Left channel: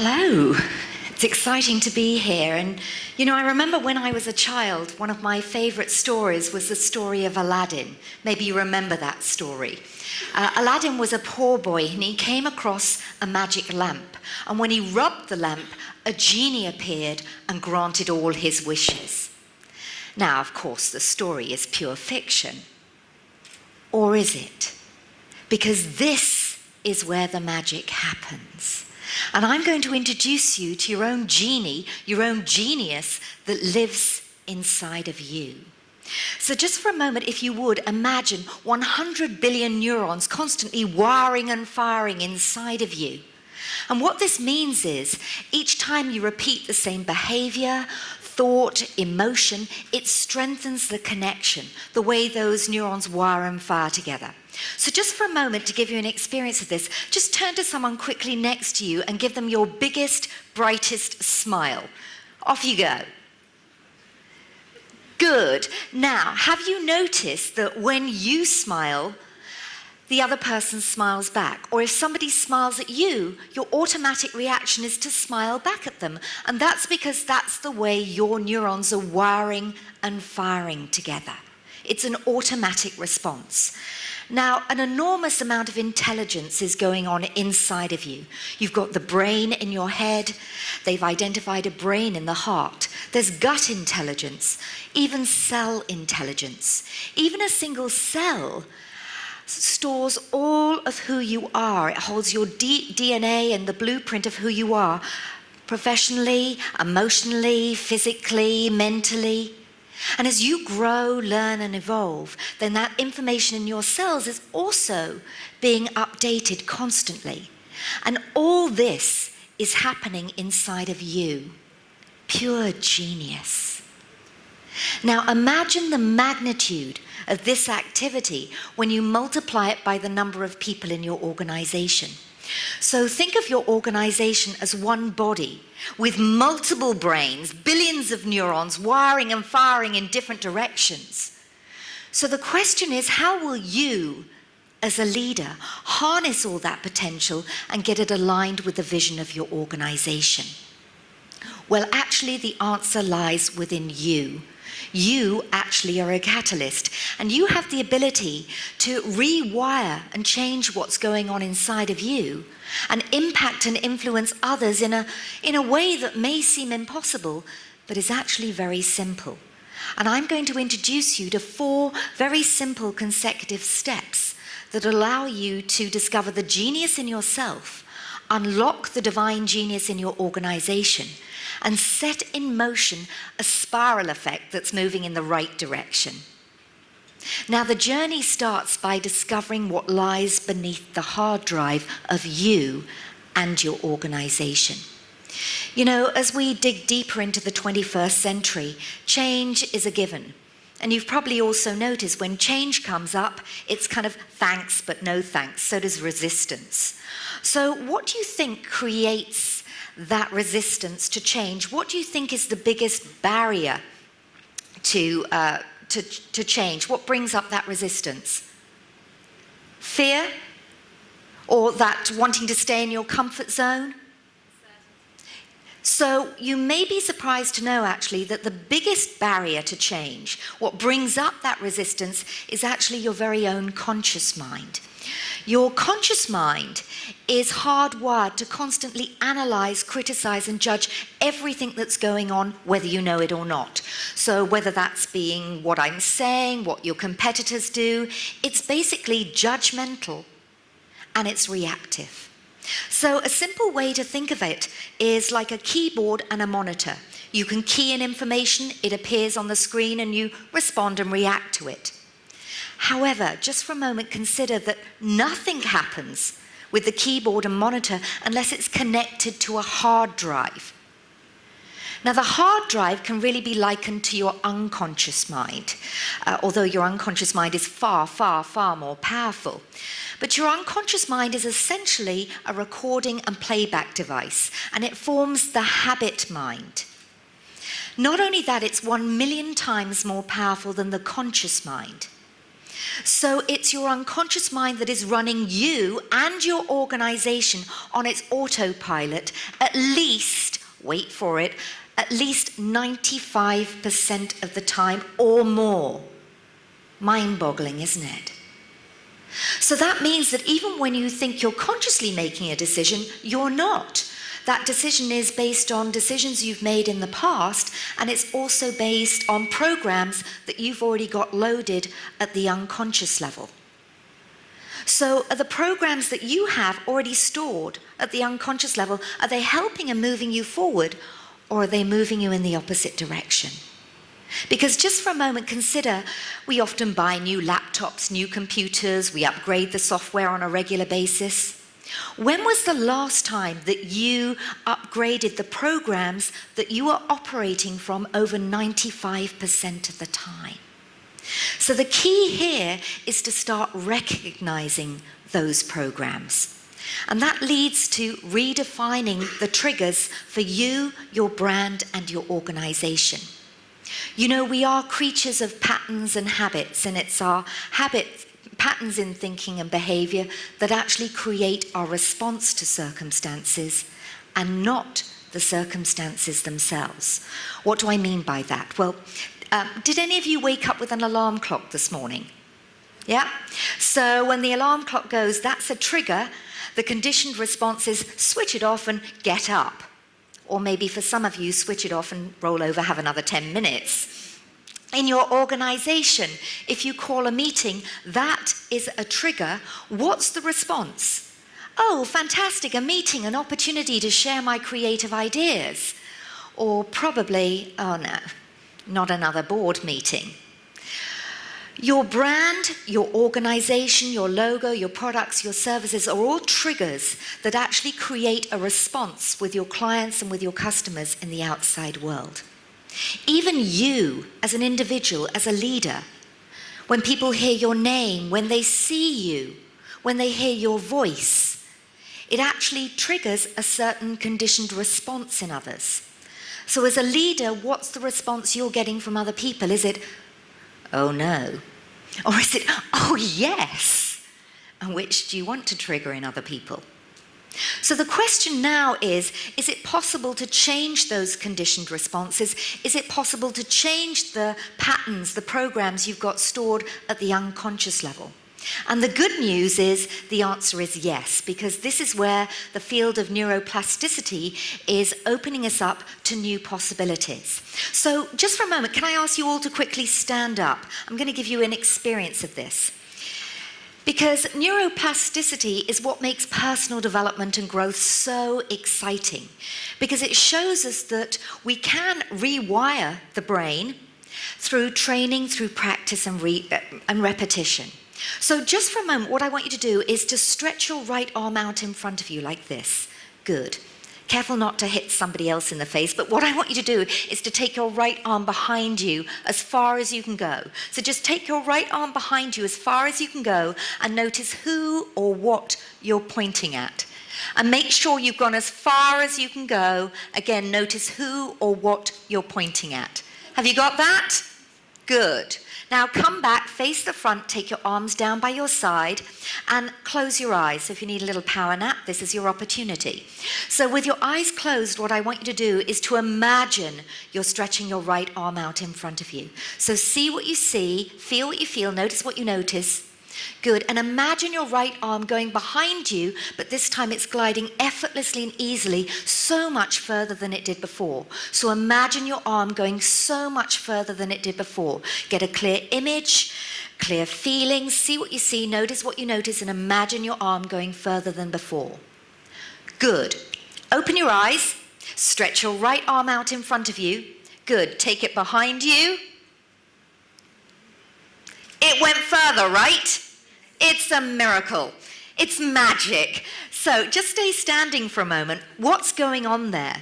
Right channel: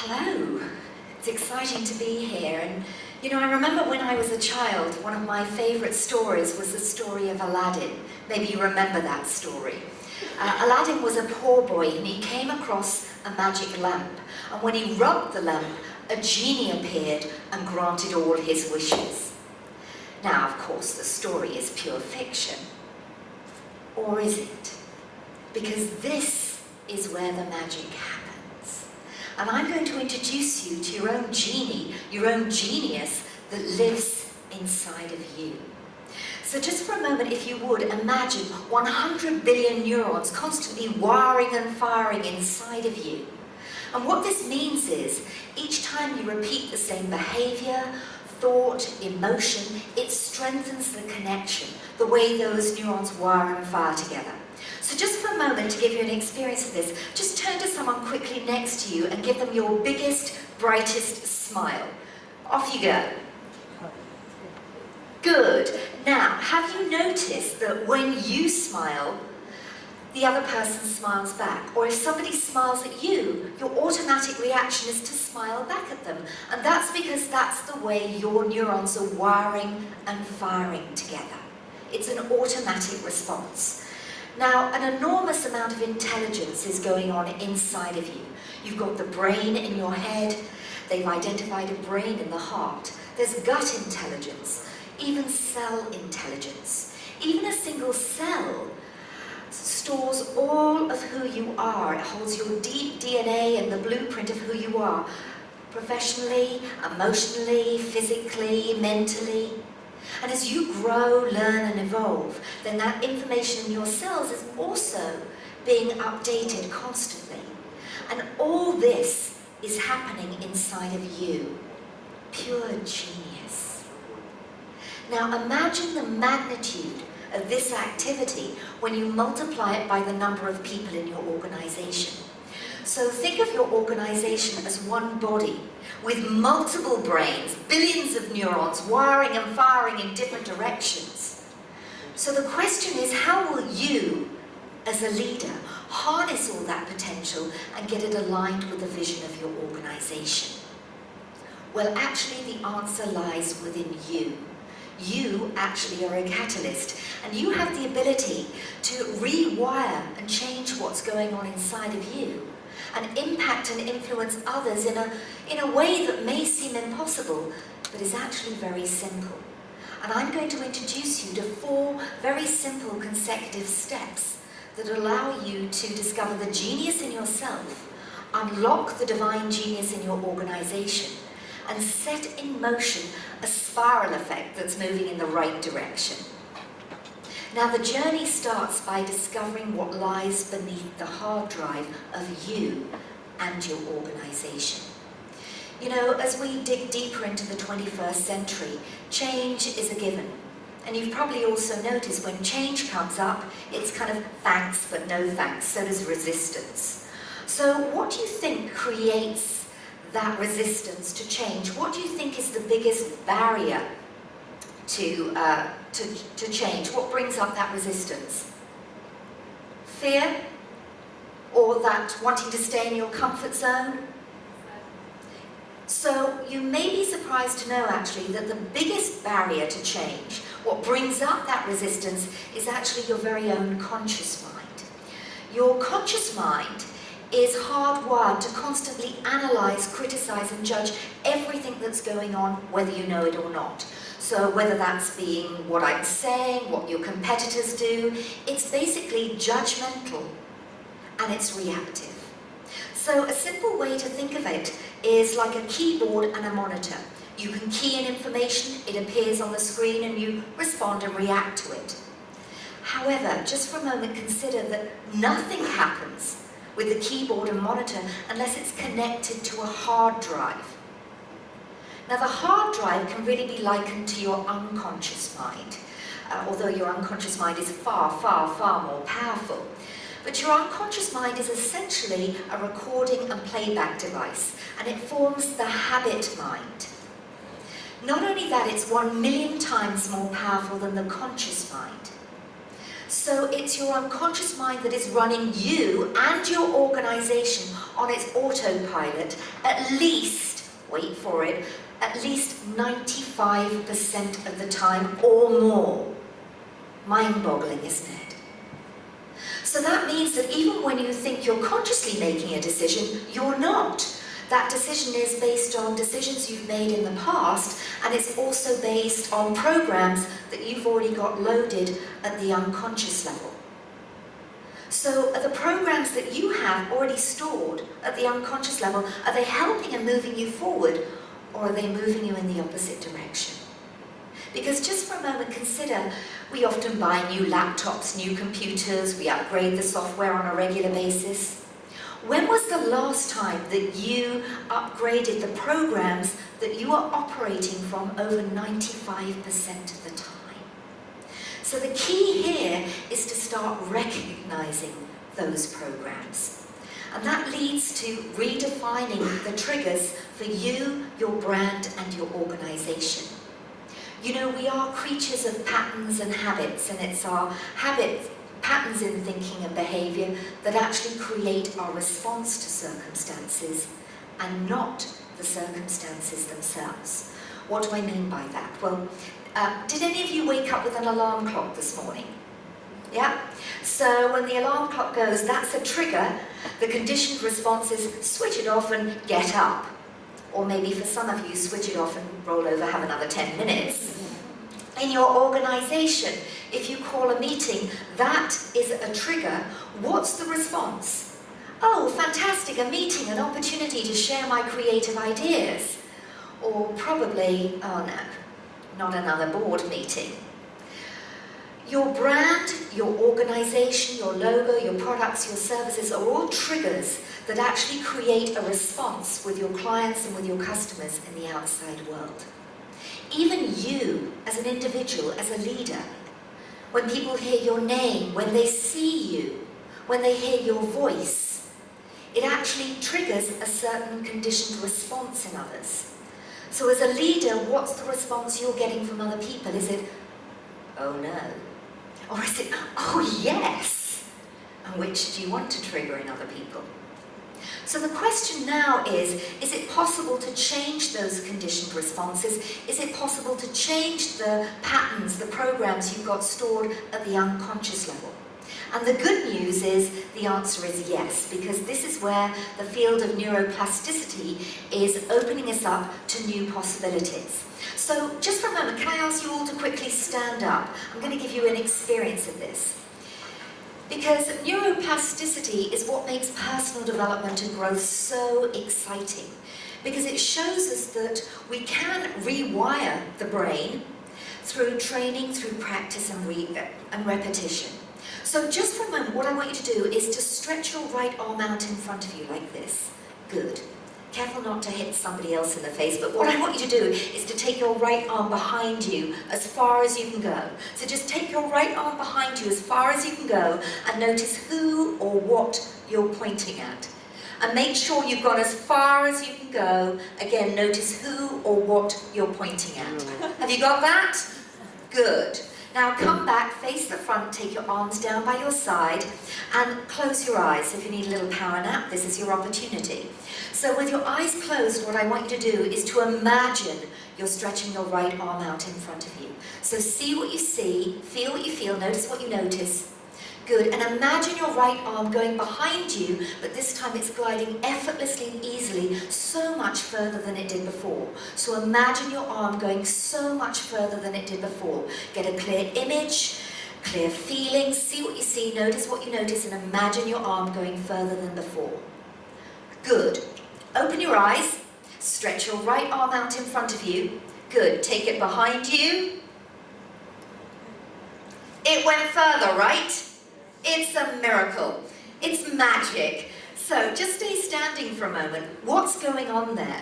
Hello. It's exciting to be here. And, I remember when I was a child, one of my favourite stories was the story of Aladdin. Maybe you remember that story. Aladdin was a poor boy and he came across a magic lamp. And when he rubbed the lamp, a genie appeared and granted all his wishes. Now, of course, the story is pure fiction. Or is it? Because this is where the magic happens. And I'm going to introduce you to your own genie, your own genius that lives inside of you. So just for a moment, if you would, imagine 100 billion neurons constantly wiring and firing inside of you. And what this means is, each time you repeat the same behavior, thought, emotion, it strengthens the connection, the way those neurons wire and fire together. So just for a moment, to give you an experience of this, just turn to someone quickly next to you and give them your biggest, brightest smile. Off you go. Good. Now, have you noticed that when you smile, the other person smiles back? Or if somebody smiles at you, your automatic reaction is to smile back at them. And that's because that's the way your neurons are wiring and firing together. It's an automatic response. Now, an enormous amount of intelligence is going on inside of you. You've got the brain in your head. They've identified a brain in the heart. There's gut intelligence, even cell intelligence. Even a single cell stores all of who you are. It holds your deep DNA and the blueprint of who you are, professionally, emotionally, physically, mentally. And as you grow, learn and evolve, then that information in your cells is also being updated constantly. And all this is happening inside of you. Pure genius. Now imagine the magnitude of this activity when you multiply it by the number of people in your organization. So think of your organization as one body with multiple brains, billions of neurons wiring and firing in different directions. So the question is, how will you, as a leader, harness all that potential and get it aligned with the vision of your organization? Well, actually, the answer lies within you. You actually are a catalyst, and you have the ability to rewire and change what's going on inside of you and impact and influence others in a way that may seem impossible, but is actually very simple. And I'm going to introduce you to 4 very simple consecutive steps that allow you to discover the genius in yourself, unlock the divine genius in your organization, and set in motion a spiral effect that's moving in the right direction. Now, the journey starts by discovering what lies beneath the hard drive of you and your organization. As we dig deeper into the 21st century, change is a given. And you've probably also noticed when change comes up, it's kind of thanks but no thanks. So does resistance. So what do you think creates that resistance to change? What do you think is the biggest barrier to change? What brings up that resistance? Fear? Or that wanting to stay in your comfort zone? So you may be surprised to know actually that the biggest barrier to change, what brings up that resistance, is actually your very own conscious mind. Your conscious mind is hardwired to constantly analyze, criticize, and judge everything that's going on, whether you know it or not. So whether that's being what I'm saying, what your competitors do, it's basically judgmental and it's reactive. So a simple way to think of it is like a keyboard and a monitor. You can key in information, it appears on the screen, and you respond and react to it. However, just for a moment, consider that nothing happens with the keyboard and monitor unless it's connected to a hard drive. Now, the hard drive can really be likened to your unconscious mind, although your unconscious mind is far, far, far more powerful. But your unconscious mind is essentially a recording and playback device, and it forms the habit mind. Not only that, it's 1,000,000 times more powerful than the conscious mind. So it's your unconscious mind that is running you and your organization on its autopilot at least, wait for it, at least 95% of the time or more. Mind-boggling, isn't it? So that means that even when you think you're consciously making a decision, you're not. That decision is based on decisions you've made in the past, and it's also based on programs that you've already got loaded at the unconscious level. So are the programs that you have already stored at the unconscious level, are they helping and moving you forward, or are they moving you in the opposite direction? Because just for a moment, consider, we often buy new laptops, new computers, we upgrade the software on a regular basis. When was the last time that you upgraded the programs that you are operating from over 95% of the time? So the key here is to start recognizing those programs. And that leads to redefining the triggers for you, your brand, and your organization. You know, we are creatures of patterns and habits, and it's our habits, patterns in thinking and behavior that actually create our response to circumstances and not the circumstances themselves. What do I mean by that? Well, did any of you wake up with an alarm clock this morning? Yeah? So when the alarm clock goes, that's a trigger. The conditioned response is switch it off and get up. Or maybe for some of you, switch it off and roll over, have another 10 minutes. In your organization, if you call a meeting, that is a trigger. What's the response? Oh, fantastic, a meeting, an opportunity to share my creative ideas. Or probably, oh no, not another board meeting. Your brand, your organization, your logo, your products, your services are all triggers that actually create a response with your clients and with your customers in the outside world. Even you, as an individual, as a leader, when people hear your name, when they see you, when they hear your voice, it actually triggers a certain conditioned response in others. So as a leader, what's the response you're getting from other people? Is it, oh no? Or is it, oh yes? And which do you want to trigger in other people? So the question now is it possible to change those conditioned responses? Is it possible to change the patterns, the programs you've got stored at the unconscious level? And the good news is the answer is yes, because this is where the field of neuroplasticity is opening us up to new possibilities. So just for a moment, can I ask you all to quickly stand up? I'm going to give you an experience of this. Because neuroplasticity is what makes personal development and growth so exciting. Because it shows us that we can rewire the brain through training, through practice and repetition. So just for a moment, what I want you to do is to stretch your right arm out in front of you like this. Good. Careful not to hit somebody else in the face, but what I want you to do is to take your right arm behind you as far as you can go. So just take your right arm behind you as far as you can go and notice who or what you're pointing at. And make sure you've gone as far as you can go. Again, notice who or what you're pointing at. Have you got that? Good. Now come back, face the front, take your arms down by your side and close your eyes. If you need a little power nap, this is your opportunity. So with your eyes closed, what I want you to do is to imagine you're stretching your right arm out in front of you. So see what you see, feel what you feel, notice what you notice. Good, and imagine your right arm going behind you, but this time it's gliding effortlessly and easily so much further than it did before. So imagine your arm going so much further than it did before. Get a clear image, clear feeling, see what you see, notice what you notice, and imagine your arm going further than before. Good. Open your eyes, stretch your right arm out in front of you. Good, take it behind you. It went further, right? It's a miracle. It's magic. So just stay standing for a moment. What's going on there?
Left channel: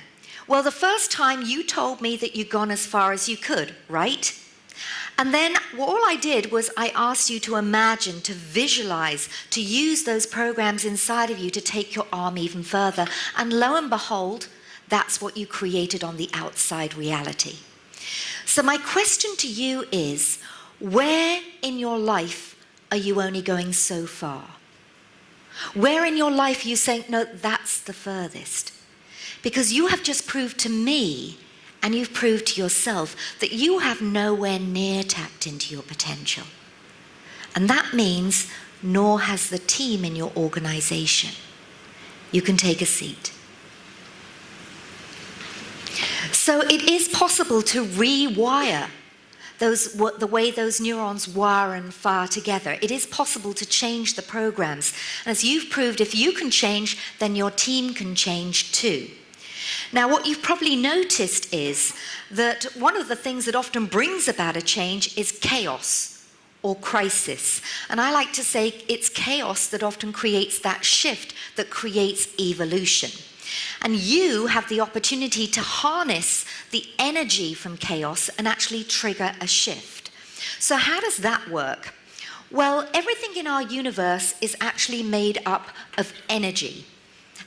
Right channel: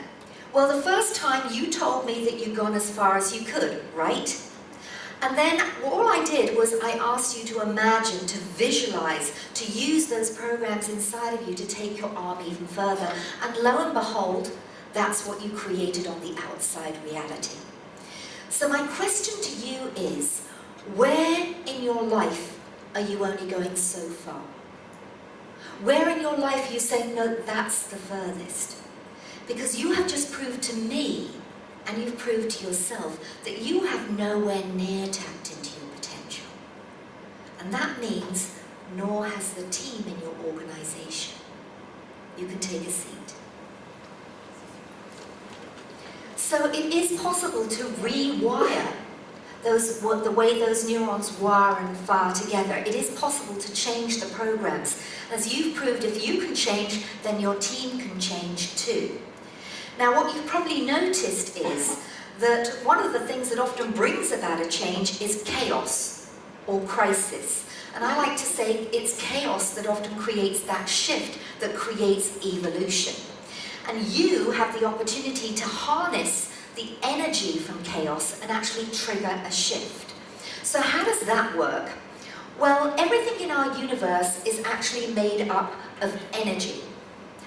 Well, the first time you told me that you'd gone as far as you could, right? And then all I did was I asked you to imagine, to visualize, to use those programs inside of you to take your arm even further. And lo and behold, that's what you created on the outside reality. So my question to you is, where in your life are you only going so far? Where in your life are you saying, no, that's the furthest? Because you have just proved to me, and you've proved to yourself, that you have nowhere near tapped into your potential. And that means nor has the team in your organization. You can take a seat. So it is possible to rewire the way those neurons wire and fire together. It is possible to change the programs. As you've proved, if you can change, then your team can change too. Now, what you've probably noticed is that one of the things that often brings about a change is chaos or crisis. And I like to say it's chaos that often creates that shift, that creates evolution. And you have the opportunity to harness the energy from chaos and actually trigger a shift. So how does that work? Well, everything in our universe is actually made up of energy.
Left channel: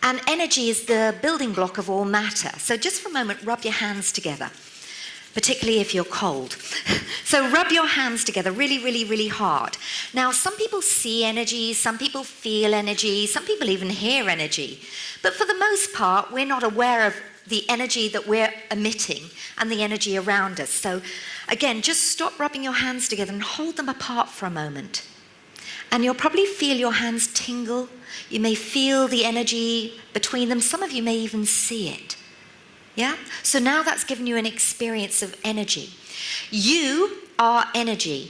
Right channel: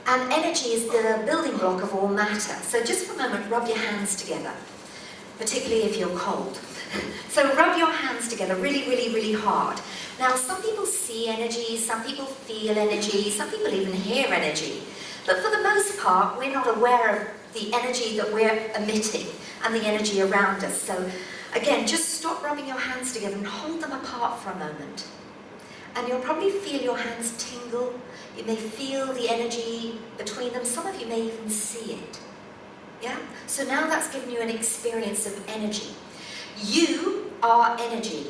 And energy is the building block of all matter. So just for a moment, rub your hands together, particularly if you're cold. So rub your hands together really, really, really hard. Now, some people see energy, some people feel energy, some people even hear energy. But for the most part, we're not aware of the energy that we're emitting and the energy around us. So again, just stop rubbing your hands together and hold them apart for a moment. And you'll probably feel your hands tingle. You may feel the energy between them. Some of you may even see it. Yeah? So now that's given you an experience of energy. You are energy.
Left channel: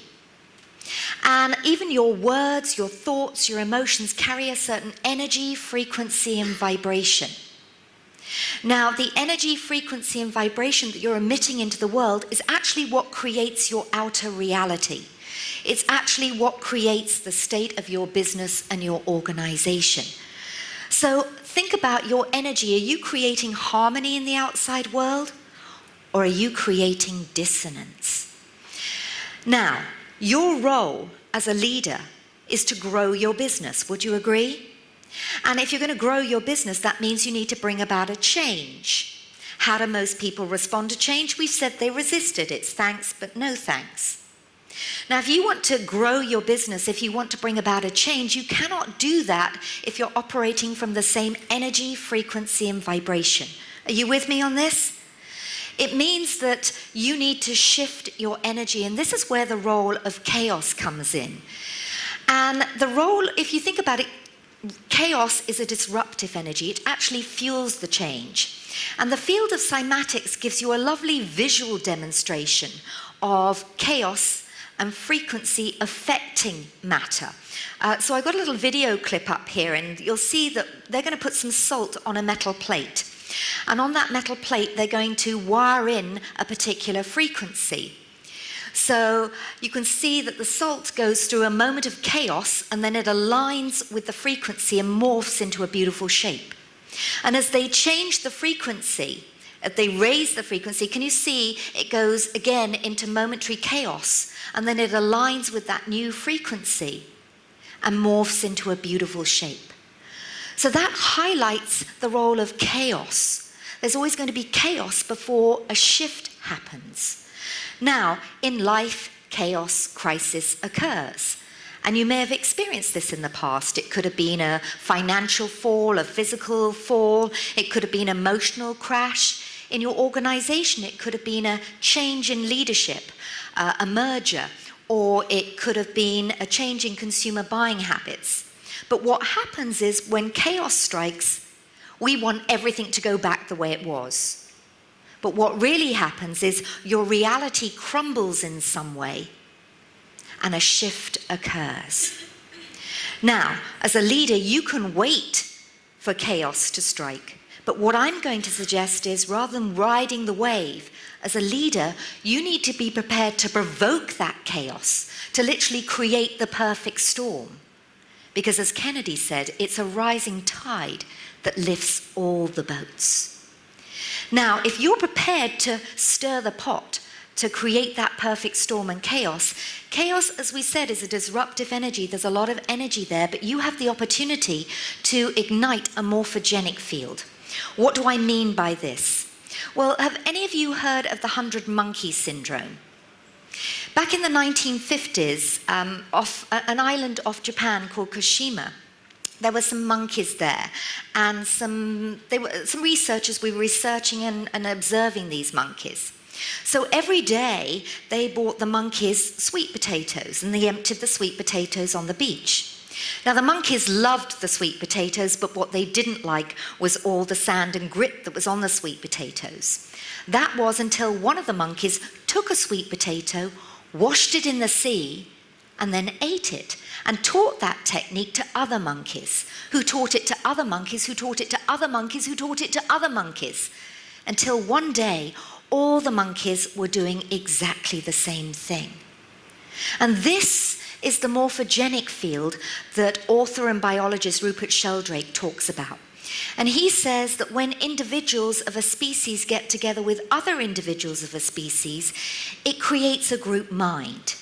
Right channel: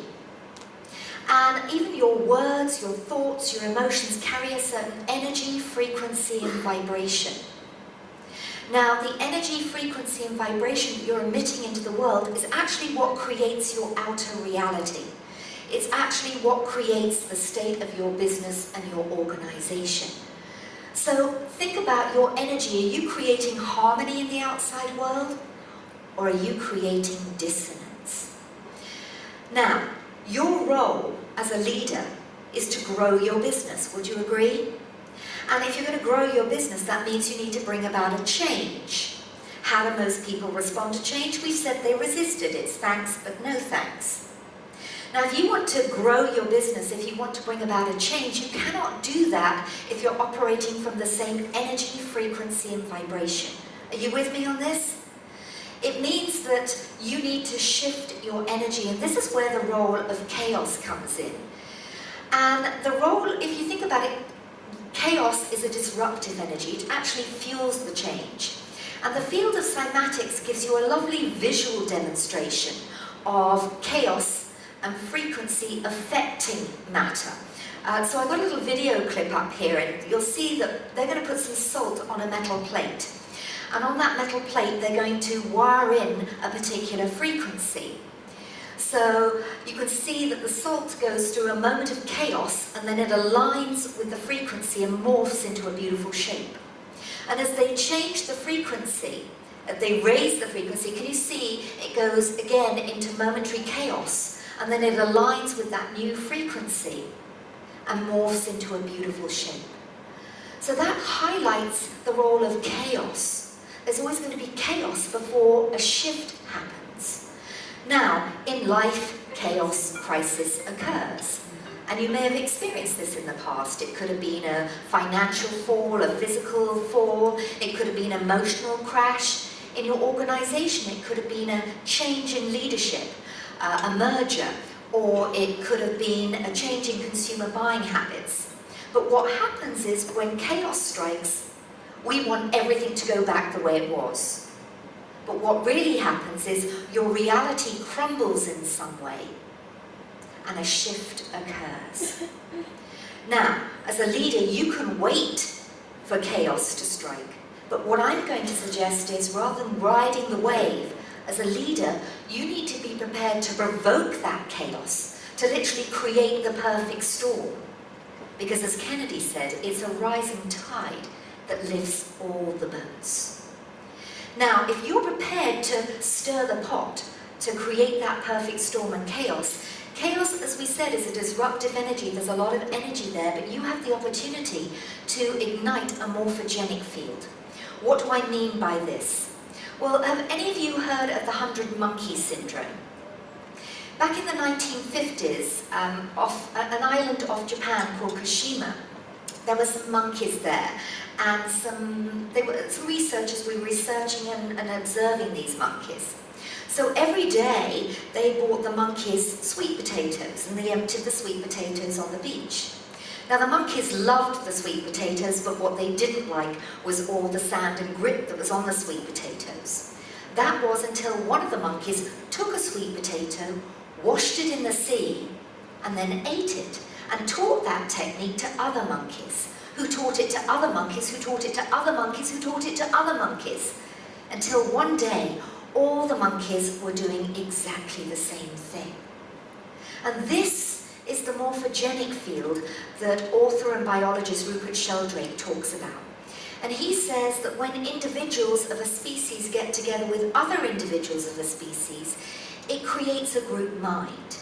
And even your words, your thoughts, your emotions carry a certain energy, frequency, and vibration. Now, the energy, frequency, and vibration that you're emitting into the world is actually what creates your outer reality. It's actually what creates the state of your business and your organization. So think about your energy. Are you creating harmony in the outside world, or are you creating dissonance? Now, your role as a leader is to grow your business. Would you agree? And if you're going to grow your business, that means you need to bring about a change. How do most people respond to change? We've said they resist it. It's thanks, but no thanks. Now, if you want to grow your business, if you want to bring about a change, you cannot do that if you're operating from the same energy, frequency, and vibration. Are you with me on this? It means that you need to shift your energy, and this is where the role of chaos comes in. And the role, if you think about it, chaos is a disruptive energy. It actually fuels the change. And the field of cymatics gives you a lovely visual demonstration of chaos and frequency affecting matter. So I've got a little video clip up here, and you'll see that they're going to put some salt on a metal plate. And on that metal plate, they're going to wire in a particular frequency. So you can see that the salt goes through a moment of chaos, and then it aligns with the frequency and morphs into a beautiful shape. And as they change the frequency, as they raise the frequency, can you see it goes again into momentary chaos, and then it aligns with that new frequency and morphs into a beautiful shape. So that highlights the role of chaos. There's always going to be chaos before a shift happens. Now, in life, chaos, crisis occurs. And you may have experienced this in the past. It could have been a financial fall, a physical fall. It could have been an emotional crash. In your organization, it could have been a change in leadership, a merger, or it could have been a change in consumer buying habits. But what happens is when chaos strikes, we want everything to go back the way it was. But what really happens is your reality crumbles in some way and a shift occurs. Now, as a leader, you can wait for chaos to strike. But what I'm going to suggest is, rather than riding the wave, as a leader, you need to be prepared to provoke that chaos, to literally create the perfect storm. Because as Kennedy said, it's a rising tide that lifts all the boats. Now, if you're prepared to stir the pot, to create that perfect storm and chaos, chaos, as we said, is a disruptive energy. There's a lot of energy there, but you have the opportunity to ignite a morphogenic field. What do I mean by this? Well, have any of you heard of the 100 monkey syndrome? Back in the 1950s, off an island off Japan called Kashima, there were some monkeys there, and some researchers were researching and observing these monkeys. So every day they brought the monkeys sweet potatoes, and they emptied the sweet potatoes on the beach. Now the monkeys loved the sweet potatoes, but what they didn't like was all the sand and grit that was on the sweet potatoes. That was until one of the monkeys took a sweet potato, washed it in the sea, and then ate it, and taught that technique to other monkeys, who taught it to other monkeys, who taught it to other monkeys, who taught it to other monkeys, until one day all the monkeys were doing exactly the same thing. And this is the morphogenic field that author and biologist Rupert Sheldrake talks about. And he says that when individuals of a species get together with other individuals of a species, it creates a group mind.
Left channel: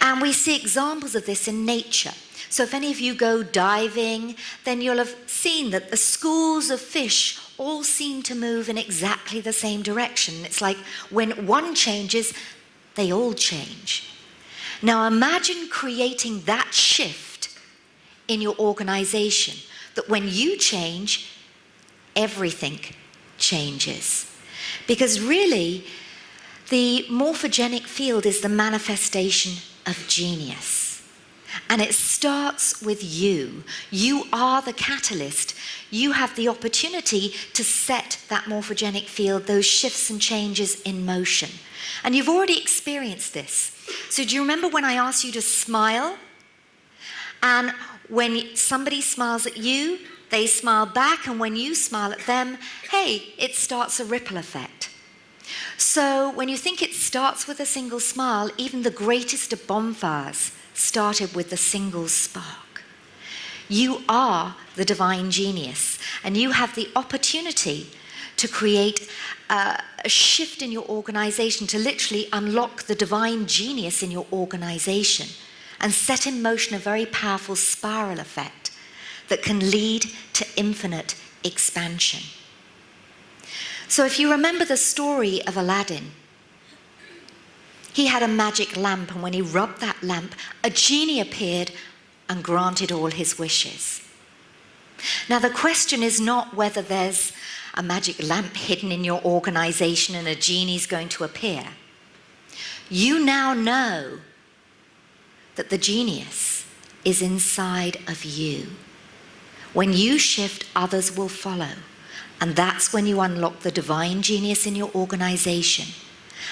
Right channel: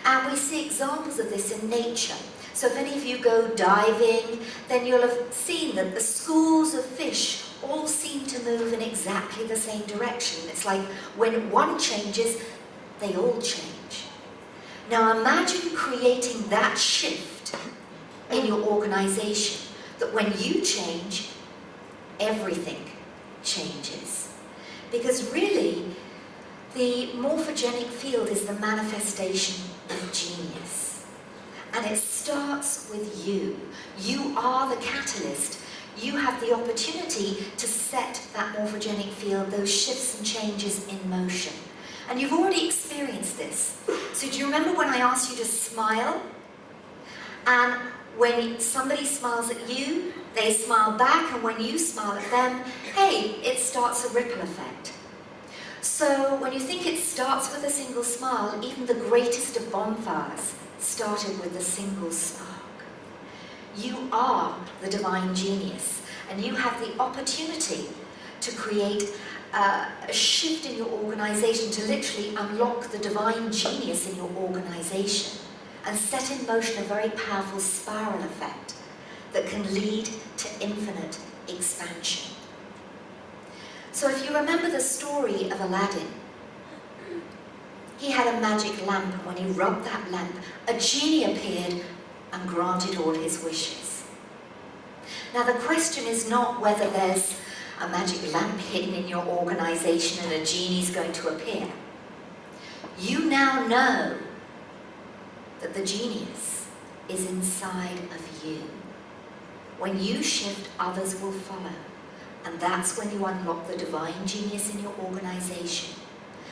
And we see examples of this in nature. So if any of you go diving, then you'll have seen that the schools of fish all seem to move in exactly the same direction. It's like when one changes, they all change. Now imagine creating that shift in your organization, that when you change, everything changes. Because really, the morphogenic field is the manifestation of genius. And it starts with you. You are the catalyst. You have the opportunity to set that morphogenic field, those shifts and changes in motion. And you've already experienced this. So do you remember when I asked you to smile? And when somebody smiles at you, they smile back, and when you smile at them, hey, it starts a ripple effect. So when you think it starts with a single smile, even the greatest of bonfires started with a single spark. You are the divine genius, and you have the opportunity to create a shift in your organization, to literally unlock the divine genius in your organization and set in motion a very powerful spiral effect that can lead to infinite expansion. So if you remember the story of Aladdin, he had a magic lamp, and when he rubbed that lamp, a genie appeared and granted all his wishes. Now the question is not whether there's a magic lamp hidden in your organization and a genie's going to appear. You now know that the genius is inside of you. When you shift, others will follow. And that's when you unlock the divine genius in your organization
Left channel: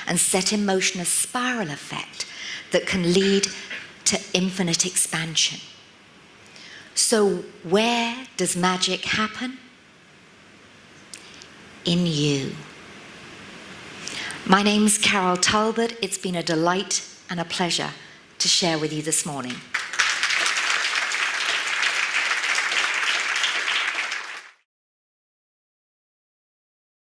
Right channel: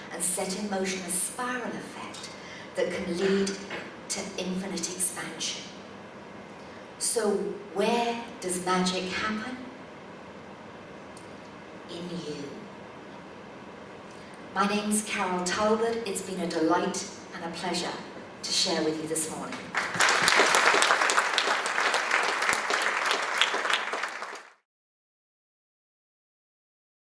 and set in motion a spiral effect that can lead to infinite expansion. So where does magic happen? In you. My name's Carol Talbot. It's been a delight and a pleasure to share with you this morning.